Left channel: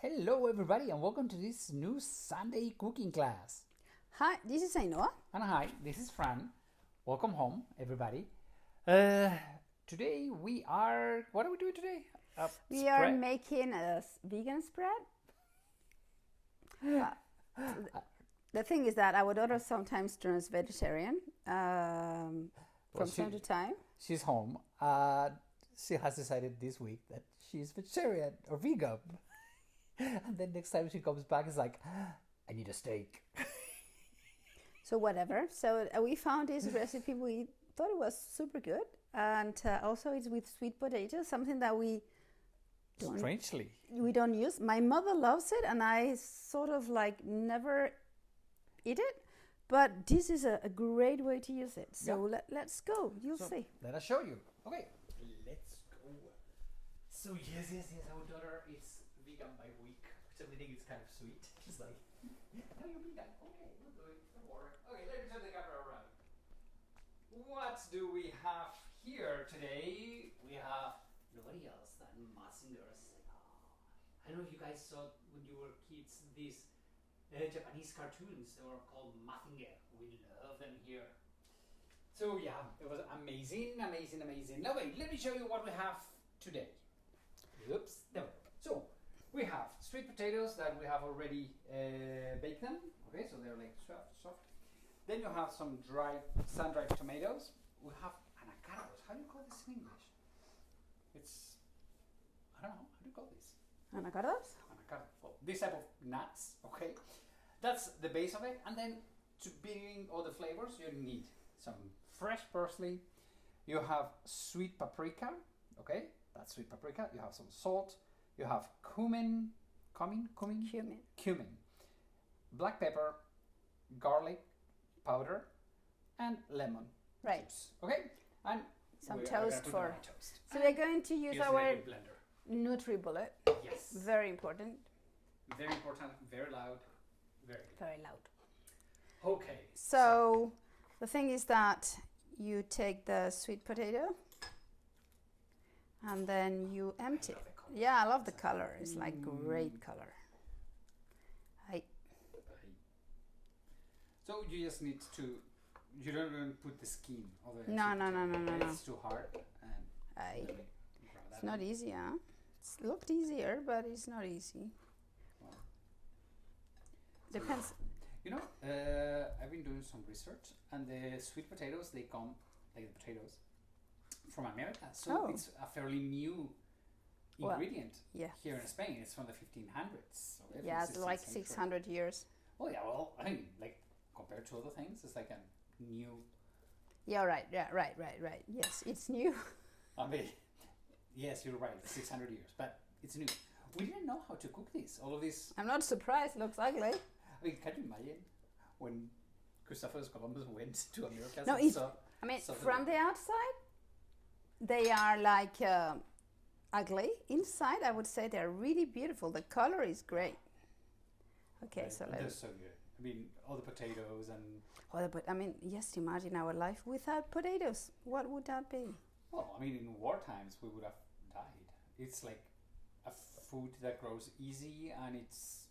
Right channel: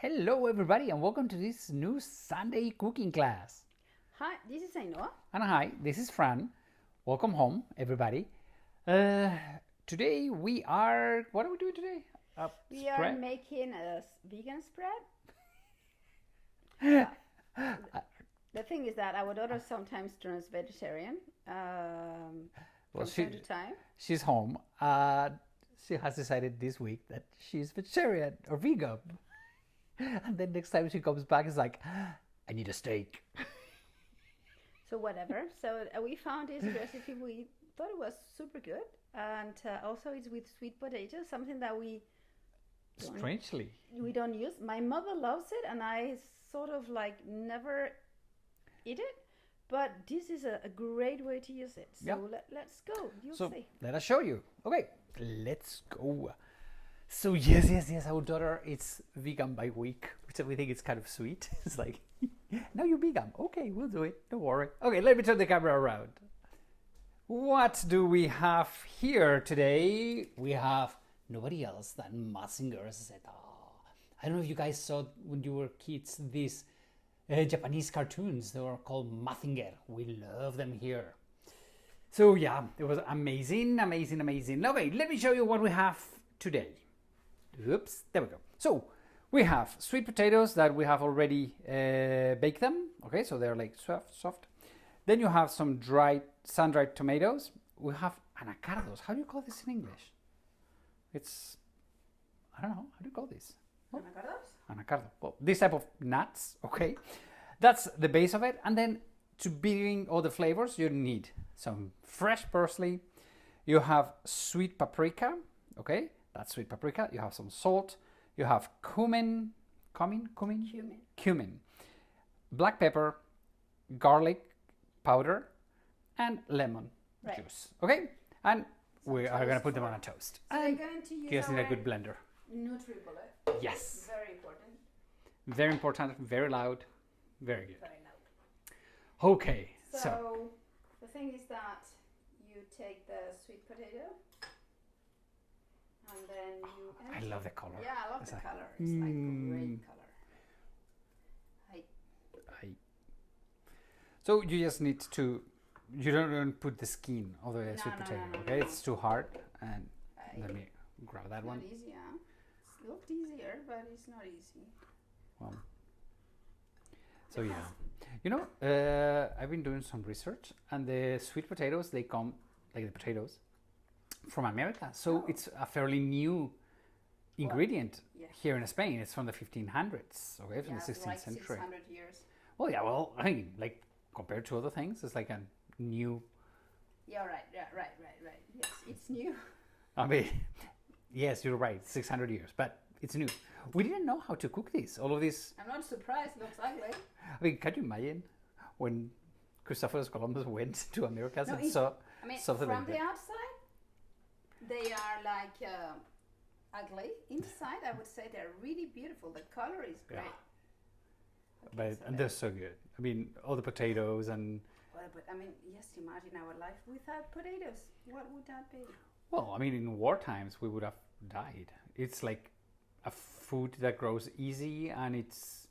Hello everybody and welcome to this new Sunday cooking class. Hi, this is Ainhoa. And hi, this is Fran. Welcome home everybody. Today what are we doing today? We are making a vegan spread. The thing is that our daughter sometimes turns vegetarian from time to time. She's home. She has decided this week that she's vegetarian or vegan. And then next time she comes back, it's like, I need a steak. So whatever. So we found this recipe. We thought it was super good. And also it's with sweet potatoes, something that we don't use. My mother loves it and I sort of like never eat it. But this is a great way to use it. So let's go. You'll see. Let us show you. Okay, let's go. So yes, our daughter is vegan by week, which we think is kind of sweet. It's like, now you're vegan. Okay, we'll do it. Don't worry. Okay, let me turn the camera around. What do we have here today? We have nobody else than Mazinger Z. I don't know if you guys saw when you were kids these Japanese cartoons. They were called Mazinger. We love them here. So yeah, it was amazing. Okay, let me show you what we have today. Oops, there we go. So we have sweet potatoes that we have already baked them. Okay, so they're like soft. Then you have some sun-dried tomatoes. We have anacardos. How do you call this in English? I don't know. How do you call this? Anacardos? Anacardo. Well, this type of nuts. Okay, that's the base of it. And then to bring all the flavors, you need some fresh parsley. You have sweet paprika. Okay. That's sweet paprika. You have some salt. You have cumin, black pepper, garlic powder, and lemon juice. Okay, and we are going to put them on a toast. So we're going to use our a good blender. NutriBullet. Yes. Very important. Very important. Very loud. Very good. Very loud. Okay. So the thing is that you take the sweet potato. And then you empty. I love the color. Yeah, I love the color. It's like great color. So you just need to. You don't put the skin of the sweet potato. No. It's too hard. And let me grab that one. It's not easy, huh? It looked easier, but it's not easy. Well. So yeah, I've been doing some research, and the sweet potatoes they come like the potatoes from America, so it's a fairly new ingredient here in Spain. It's from the 1500s, okay, from the 16th it's like century. 600 years. Oh yeah, well, I mean, like compared to other things, it's like a new. Yeah, right. Yes, it's new. I mean, yes, you're right, 600 years, but it's new. We didn't know how to cook this. All of this. I'm not surprised. Looks ugly. I mean, can you imagine when Christopher Columbus went to America and saw? I mean, from the outside. They are like ugly. Inside, I would say they're really beautiful. The color is great. Yeah. Okay, they're so good. I mean, all the potatoes and. But I mean, just imagine our life without potatoes. What would that be? Well, I mean, in war times, we would have died. It's like a food that grows easy, and it's.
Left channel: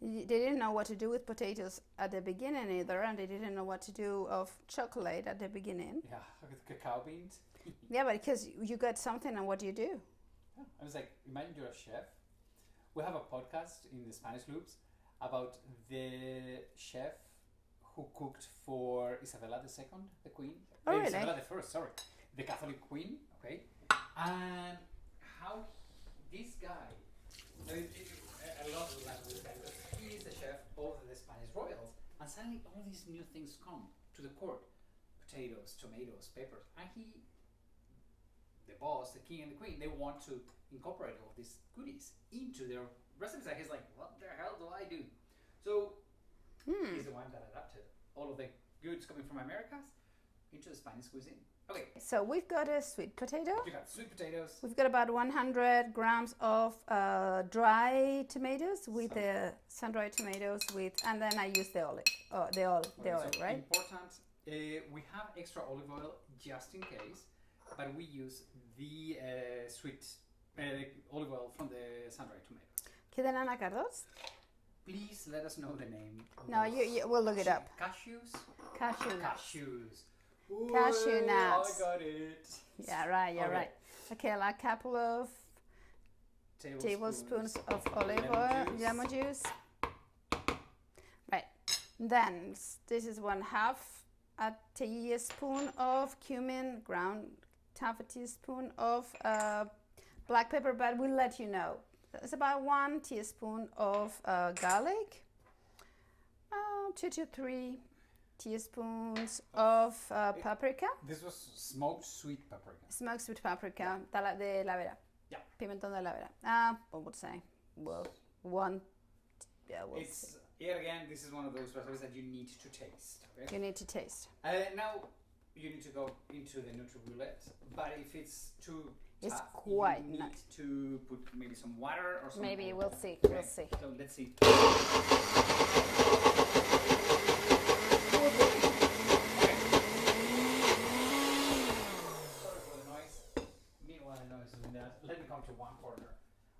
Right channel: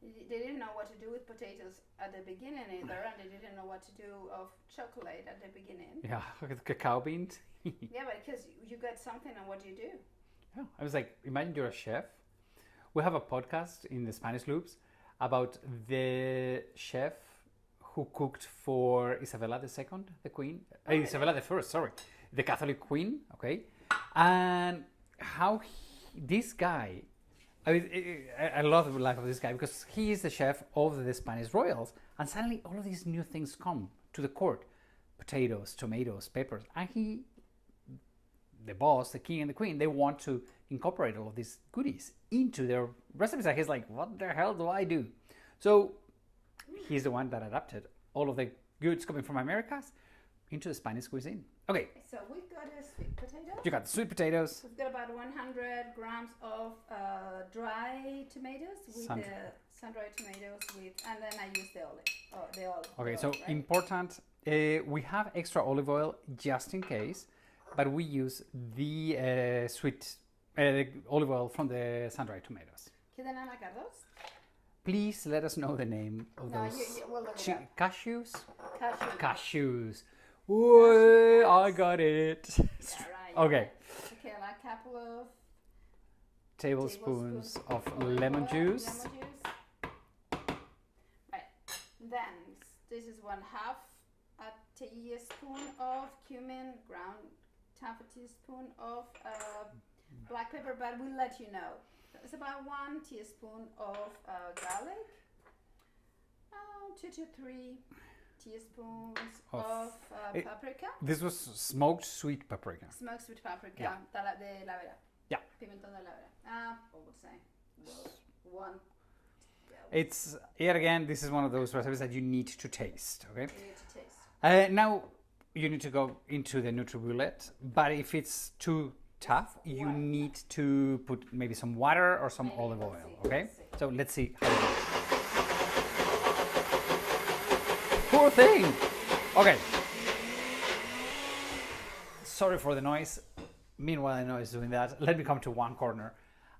They didn't know what to do with potatoes at the beginning either, and they didn't know what to do of chocolate at the beginning. Yeah, cacao beans. Yeah, but because you get something, and what do you do? Yeah, I was like, imagine you're a chef. We have a podcast in the Spanish Loops about the chef who cooked for Isabella II, the Queen. Really? Isabella I, sorry, the Catholic Queen. Okay, and how this guy. I love the life of this guy because he is the chef of the Spanish royals, and suddenly all of these new things come to the court: potatoes, tomatoes, peppers, and the boss, the king and the queen, they want to incorporate all of these goodies into their recipes. And he's like, what the hell do I do? So he's the one that adapted all of the goods coming from Americas into the Spanish cuisine. Okay. So we've got a sweet potato. You got sweet potatoes. We've got about 100 grams of dry tomatoes with the sun-dried tomatoes and then I use the olive. Okay, so right? Important. We have extra olive oil just in case. But we use the sweet olive oil from the sun-dried tomatoes. Queden anacardos? Please let us know the name of No, those. we'll look it up. Cashews? Cashew. Cashews. Cashew I nuts. got it. Yeah, right. Okay. Right. Okay, like a couple of Tablespoons of olive lemon oil, juice. Lemon juice. Right. Then this is 1/2 a teaspoon of cumin, ground half a teaspoon of black pepper, but we'll let you know. It's about 1 teaspoon of garlic, 2 to 3 teaspoons of paprika. This was smoked sweet paprika. Smoked sweet paprika, Yeah. de la vera. Yeah. Pimentón de la vera. What would say? Well, 1. Yeah, It's yet again. This is one of those recipes that you need to taste. Okay. you need to taste. Now you need to go into the NutriBullet, but if it's too tough, you quite need to put maybe some water or some Maybe olive we'll oil. see. Okay. We'll see. So let's see. Poor thing. Okay. Sorry for the noise. Meanwhile, I know it's doing that. Let me come to one corner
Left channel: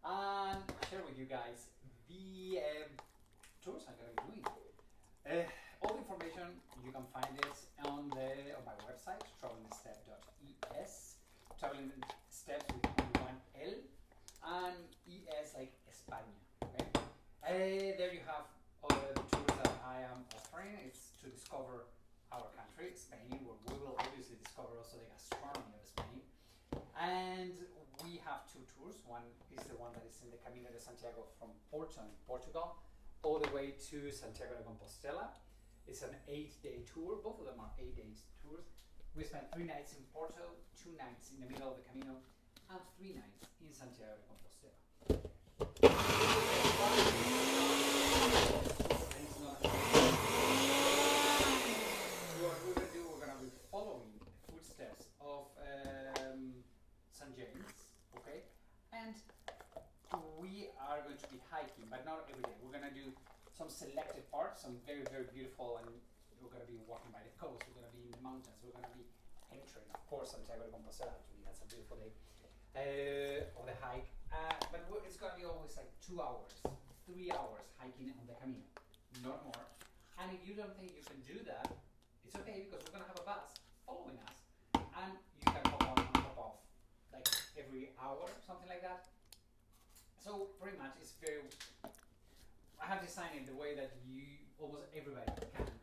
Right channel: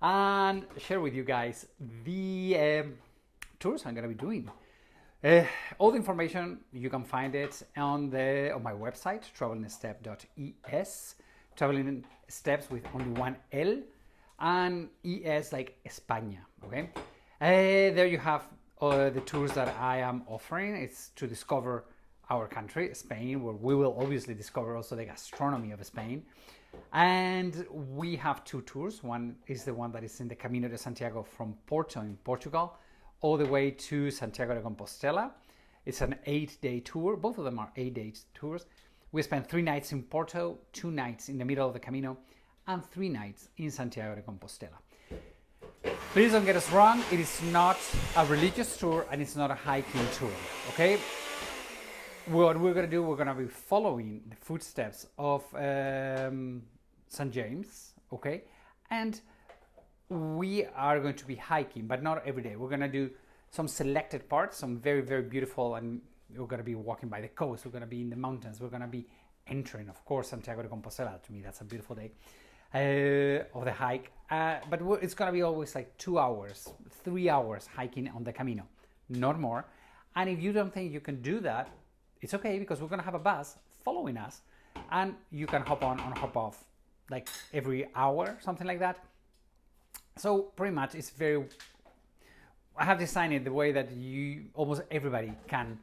and share with you guys the tours I'm going to be doing. All the information you can find it on my website, travelingstep.es. Traveling steps with only 1 L and ES like España. Okay. There you have the tours that I am offering. It's to discover our country, Spain, where we will obviously discover also the gastronomy of Spain. And we have 2 tours. One is the one that is in the Camino de Santiago from Porto in Portugal all the way to Santiago de Compostela. It's an 8-day tour. Both of them are 8-day tours. We spent 3 nights in Porto, 2 nights in the middle of the Camino, and 3 nights in Santiago de Compostela. Please don't get us wrong, it is not a religious tour and it's not a hiking tour, okay? What we're going to do, we're going to be following the footsteps of St. James, okay? And we are going to be hiking, but not every day. We're going to do some selected parts, some very, very beautiful, and we're going to be walking by the coast. We're going to be in the mountains. We're going to be entering, of course, Santiago de Compostela. To me, that's a beautiful day of the hike. But it's going to be always like 2 hours, 3 hours hiking on the Camino, not more. And if you don't think you can do that, it's okay, because we're going to have a bus following us, and you can hop on and hop off like every hour, something like that. So pretty much it's very, I have designed it the way that almost everybody can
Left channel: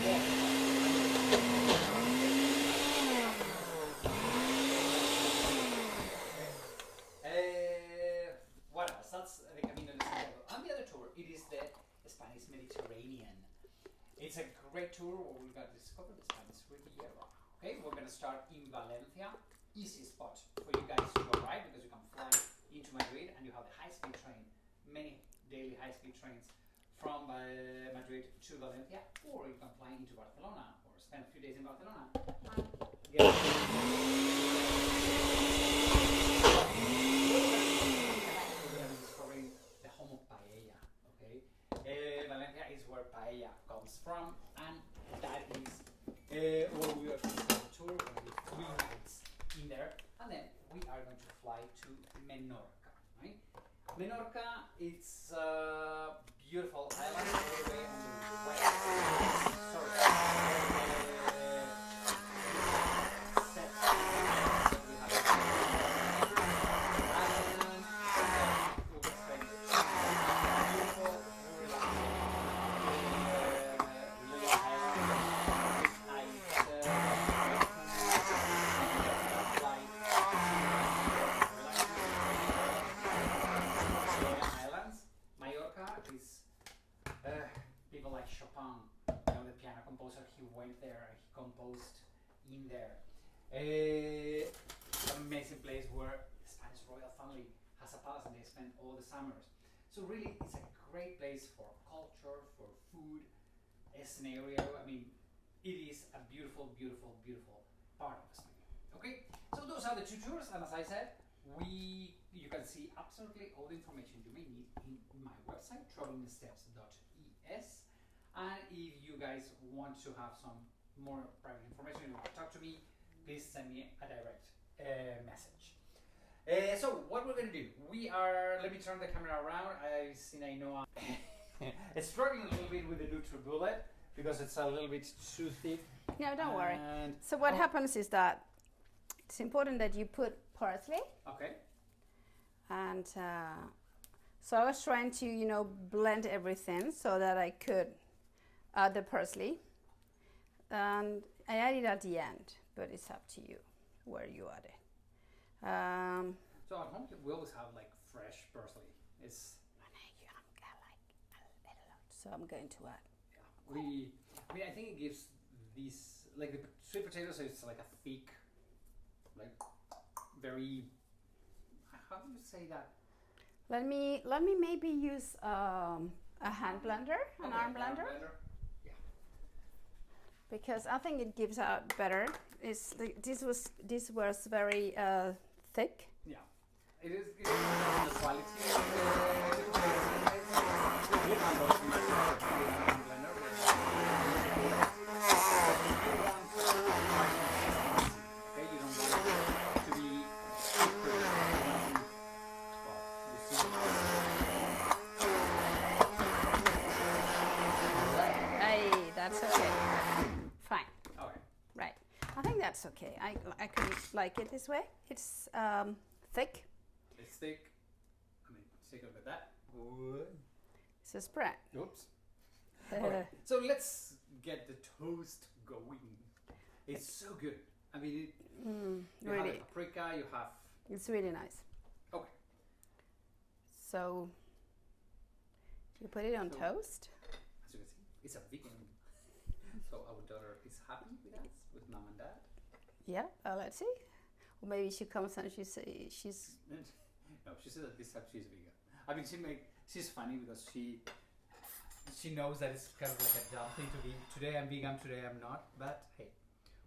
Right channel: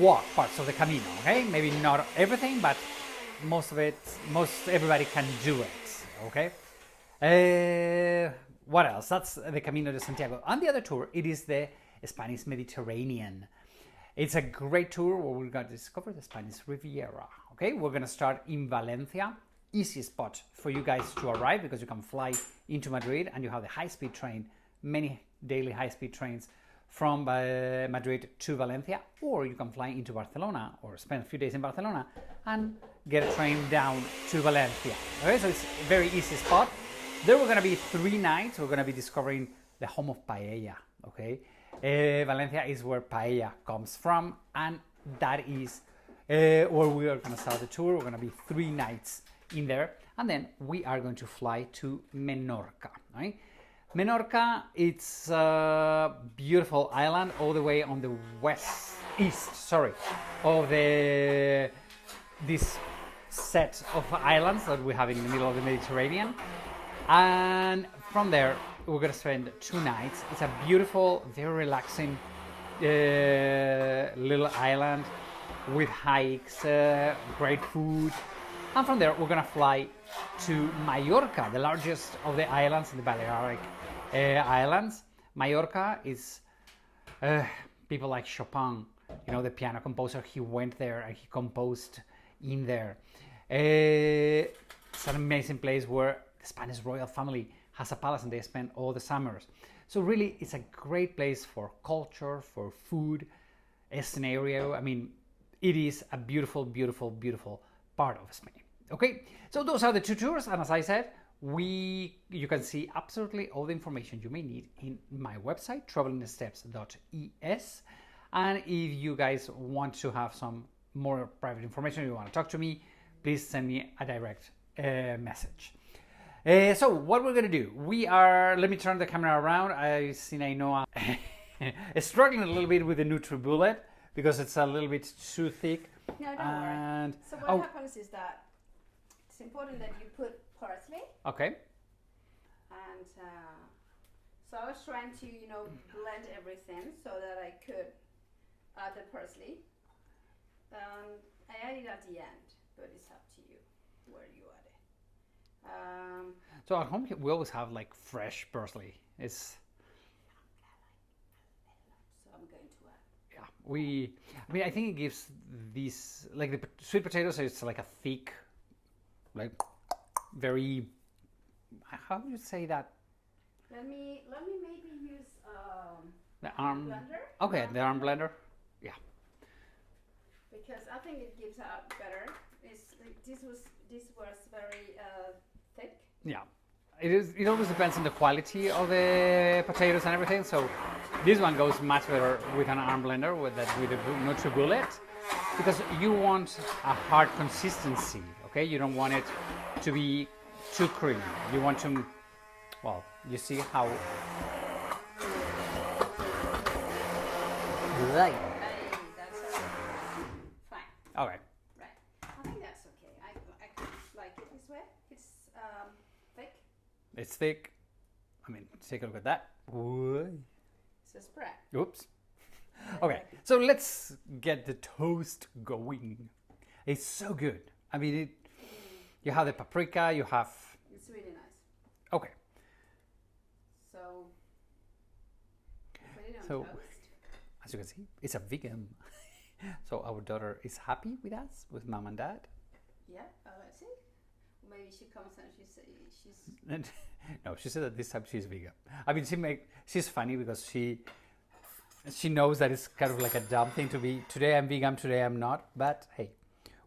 walk parts of the Camino, okay? Maybe not everything, but most everybody can do it, okay? What else? That's the Camino de Santiago. On the other tour, it is the Spanish Mediterranean. It's a great tour where we're going to discover the Spanish Riviera, okay? We're going to start in Valencia. Easy spot for you guys to arrive, because you can fly into Madrid and you have the high-speed train, many daily high-speed trains from Madrid to Valencia, or you can fly into Barcelona or spend a few days in Barcelona and get a train down to Valencia. Okay, so it's a very easy spot. There we're going to be 3 nights. We're going to be discovering the home of paella, okay? Valencia is where paella comes from, and that is where we are going to start the tour. We're going to be 3 nights in there, and then we are going to fly to Menorca, right? Menorca, it's a beautiful island all the way on the east of this set of islands that we have in the middle of the Mediterranean. And from there, we're going to spend 2 nights. It's a beautiful, very relaxing little island with hikes, great food. And from there, we're going to fly to Mallorca, the largest of the islands, the Balearic Islands. Mallorca is people like Chopin, you know, the piano composer. He went there and he composed in there. It's an amazing place where the Spanish royal family has a palace and they spend all the summers. So really, it's a great place for culture, for food, a scenario. I mean, it is a beautiful, beautiful, beautiful part of Spain. Okay, so those are the 2 tours, and as I said, you can see absolutely all the information you may need in my website, travelingsteps.es. And if you guys want to have some more private information, you want to talk to me, please send me a direct message. So what we're gonna do? We are. Let me turn the camera around. I see I know I'm struggling a little bit with the NutriBullet because it's a little bit too thick. No, don't worry. So what happens is that it's important that you put parsley. Okay. And so I was trying to, blend everything so that I could add the parsley. And I add it at the end, but it's up to you where you add it. So at home we always have like fresh parsley. It's. So I'm going to add. Yeah, I think it gives these like the sweet potatoes. It's like a thick, like very. How do you say that? Let me maybe use a hand blender. Okay, the arm blender. Yeah. Because I think it gives out better. This was very thick. Yeah. It is. It always depends on the quality of the potatoes and everything. So this one goes much better with an arm blender with a NutriBullet because you want a hard consistency. Okay, you don't want it to be too creamy. You want to. Well, you see how. Right. Hey, that's okay. Fine. All right. Right. I think that's okay. I could like it this way. It's thick. It's thick. I mean, take a look at that. It's a spread. Oops. Okay, so let's get the toast going. It's so good. I mean, you have the paprika, you have... It's really nice. Okay. So, you put it on toast. As you can see, it's a vegan. So our daughter is happy with us, with mom and dad. Yeah, let's see. Or maybe she comes and she's... No, she said that this time she's vegan. I mean, she's funny because she knows that it's kind of like a dumb thing to be, today I'm vegan, today I'm not. But hey,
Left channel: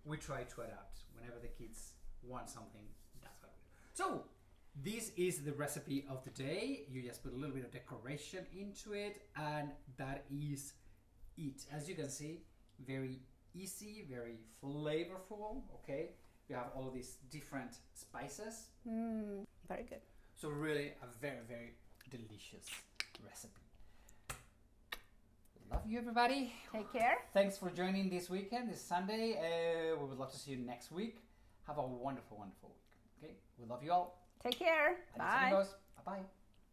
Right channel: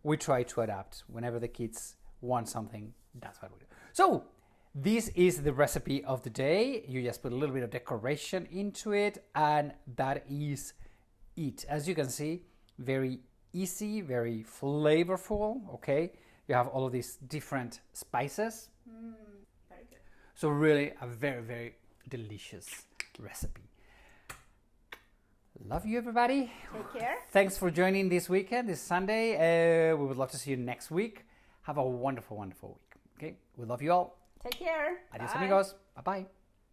we try to adapt. Whenever the kids want something, that's what we do. So this is the recipe of the day. You just put a little bit of decoration into it, and that is it. As you can see, very easy, very flavorful. Okay, you have all of these different spices. Very good. So really a very, very delicious recipe. Love you, everybody. Take care. Thanks for joining this weekend, this Sunday. We would love to see you next week. Have a wonderful, wonderful week. Okay, we love you all. Take care. Adios, amigos. Bye-bye.